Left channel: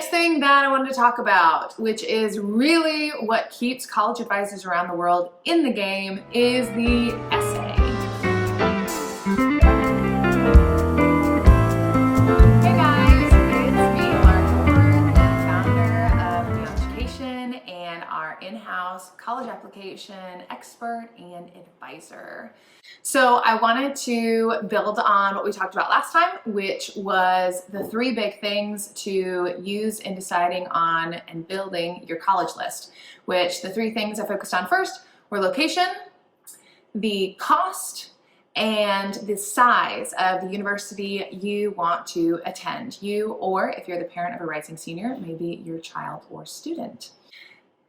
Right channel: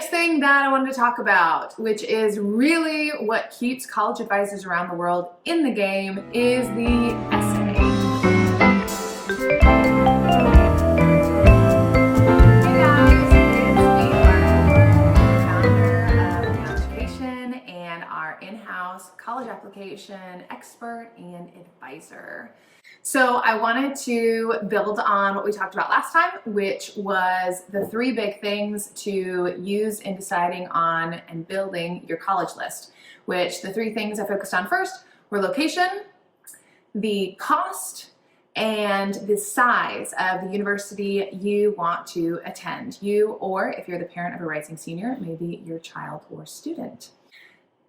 next thing that I wanted to talk about, which is really what keeps college advisors around the world in the game, is the essay. Hey guys, it's me, Lara Kilgore, founder of New Education and our in-house college application expert and advisor. So I wanted to build on what we talked about last time, which was the 3 big things to use in deciding on and building your college list, which the 3 things I focused on first were location, the cost, and the size of the university you want to attend. You, or if you're the parent of a rising senior, maybe your child or student.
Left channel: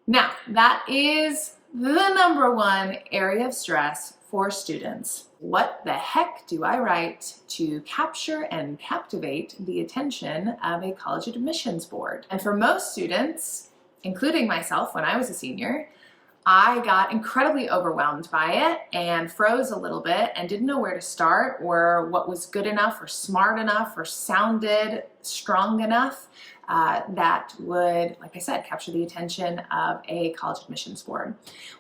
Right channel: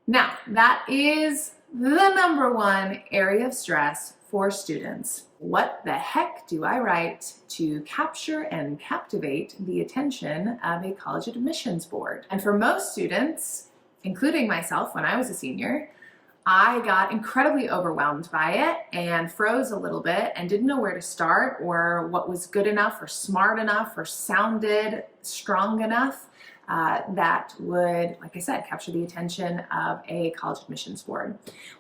Now, that is the number 1 area of stress for students. What the heck do I write to capture and captivate the attention of a college admissions board? And for most students, including myself when I was a senior, I got incredibly overwhelmed by it and froze a little bit and didn't know where to start or what was good enough or smart enough or sounded strong enough that would, like I said, capture the attention of a college admissions board.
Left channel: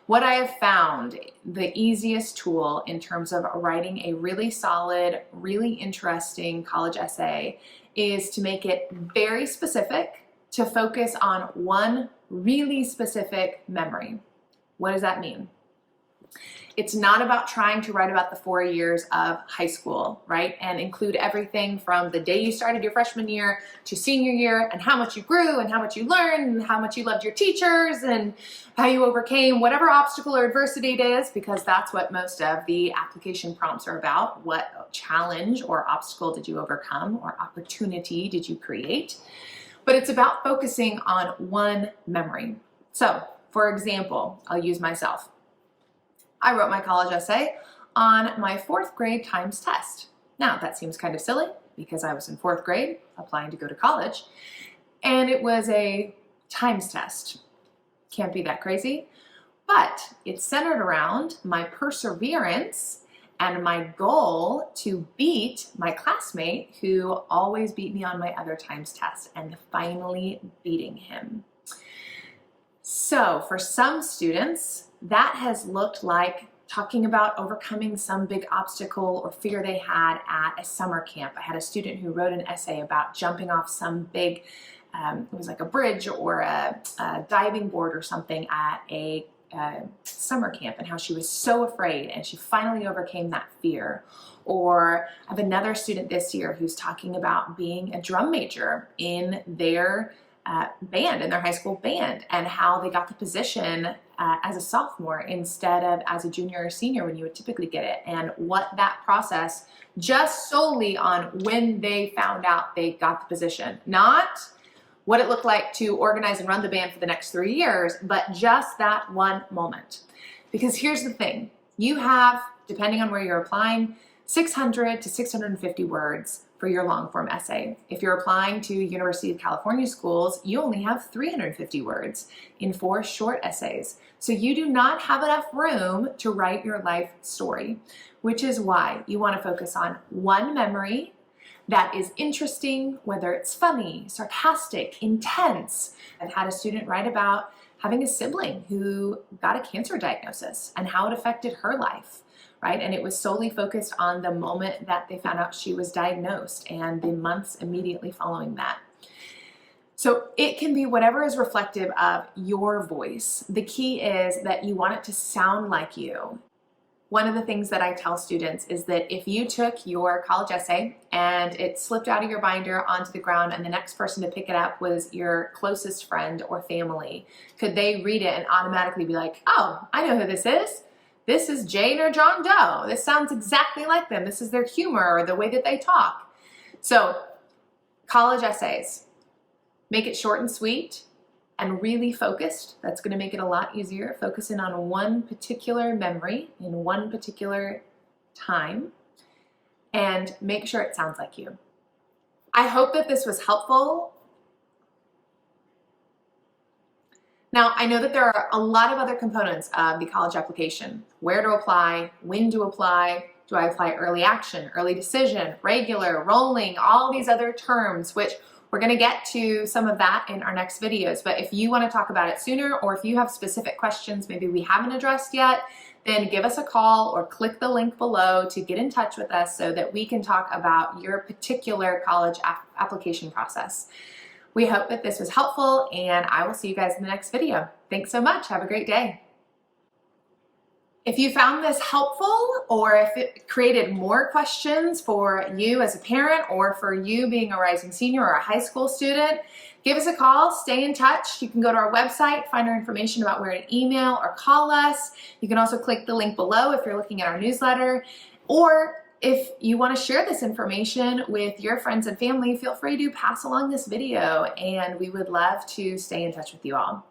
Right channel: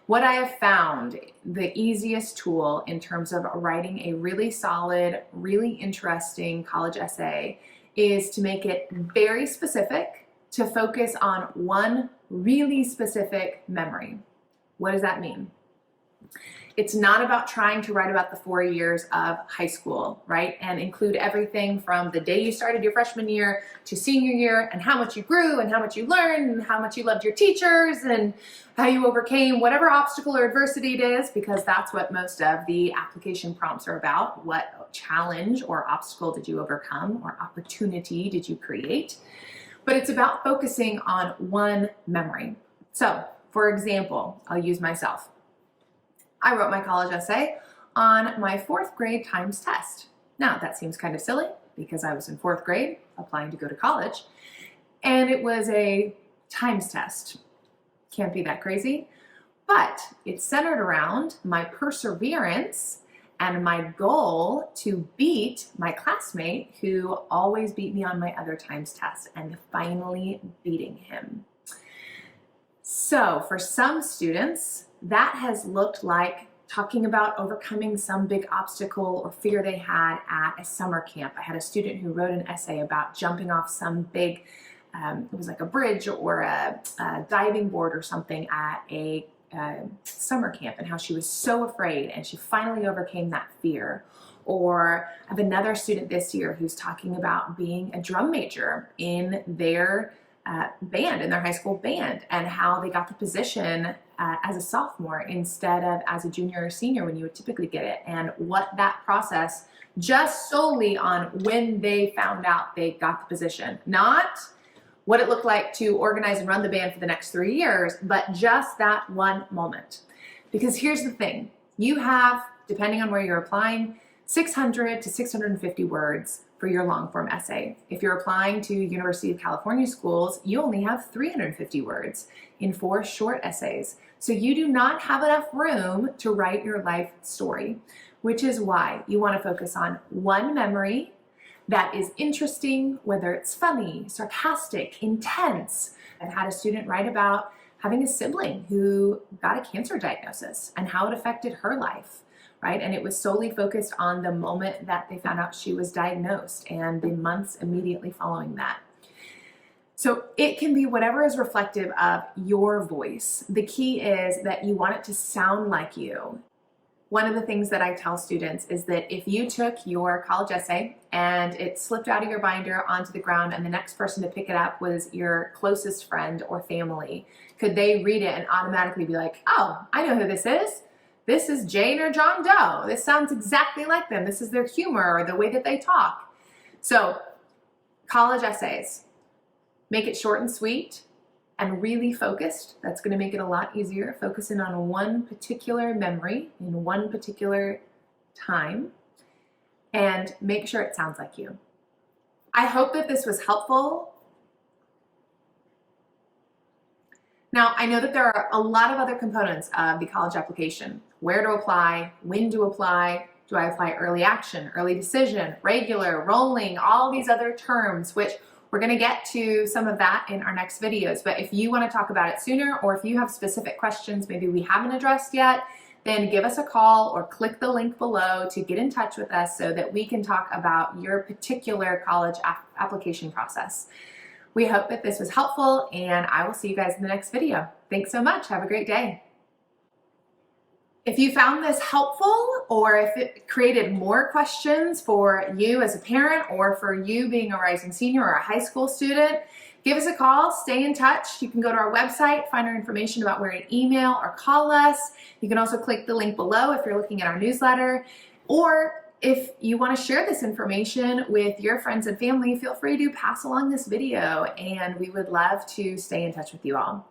What I have found the easiest tool in terms of writing a really solid, really interesting college essay is to make it very specific, to focus on one really specific memory. What does that mean? It's not about trying to write about the 4 years of high school, right? And include everything from the day you started your freshman year to senior year and how much you grew and how much you learned and how much you loved your teachers and how you overcame whatever obstacle or adversity it is, because that's what most of the application prompts are about. What challenge or obstacle did you overcome or opportunity did you create? But it's about focusing on one memory. So, for example, I'll use myself. I wrote my college essay on my 4th grade times test. Now, that seems kind of silly because I was in 4th grade applying to go to college, and it was a times test. Can't be that crazy, but it's centered around my perseverance and my goal to beat my classmate who always beat me on my other times test and finally beating him. So for some students, that has looked like talking about overcoming some big obstacle or fear they had at a summer camp. I had a student who wrote an essay about jumping off some big, it was like a bridge or a diving board or something at a summer camp and how she was so afraid and she finally overcame that fear. Or I have another student this year who's talking about being a drum major in their band, in their high school band, and how they got the position as a sophomore instead of as a junior or senior when you would typically get it, and what that process just solely on when they found out they got the position, not what it looked like to organize and run the band for the next 3 years, but just that one moment. Because here's the thing, you have, depending on where you're applying, 600 to 650 words for your long form essay. If you're applying to University of California schools, you only have 350 words in 4 short essays. So you do not have enough room to write your life story, which is why you want to focus on one memory that is interesting, whether it's funny, sarcastic, intense. I've had a student write about having a sibling who got a cancer diagnosis and how it affected her life. Right? And it was solely focused on the moment that they found out she was diagnosed and the months immediately following that. So it can be whatever is reflective of your voice. The key is that you want it to sound like you. One of the things that I tell students is that if you took your college essay and it slipped out of your binder onto the ground and the next person to pick it up was your closest friend or family, could they read it and automatically be like, oh, I know who this is. This is Jane or John Doe. This sounds exactly like them. This is their humor or the way that they talk. So college essays, make it short and sweet and really focused. That's going to make it a lot easier. Focusing on one particular memory in one particular time and make sure it sounds like you. I hope that this was helpful. Now, I know that there are a lot of other components of the college application. Where to apply, when to apply, do I apply early action, early decision, regular, rolling, all these other terms, which We're going to get to some of that in our next videos, but if you want to talk about it sooner, or if you have specific questions maybe we haven't addressed yet, then give us a call or click the link below to get in touch with us so that we can talk about your particular college application process. We hope that this was helpful, and I will see you guys in the next video. Thanks so much. Have a great day. If you found this helpful, or if it created more questions for you as a parent, or for you being a rising senior or a high school student, give us a call, stay in touch. You can go to our website, find our information about where to email or call us. You can also click the link below if you're looking at our newsletter. Or if you want to share this information with your friends and family, feel free to pass along this video, and we would love to stay in touch with you all.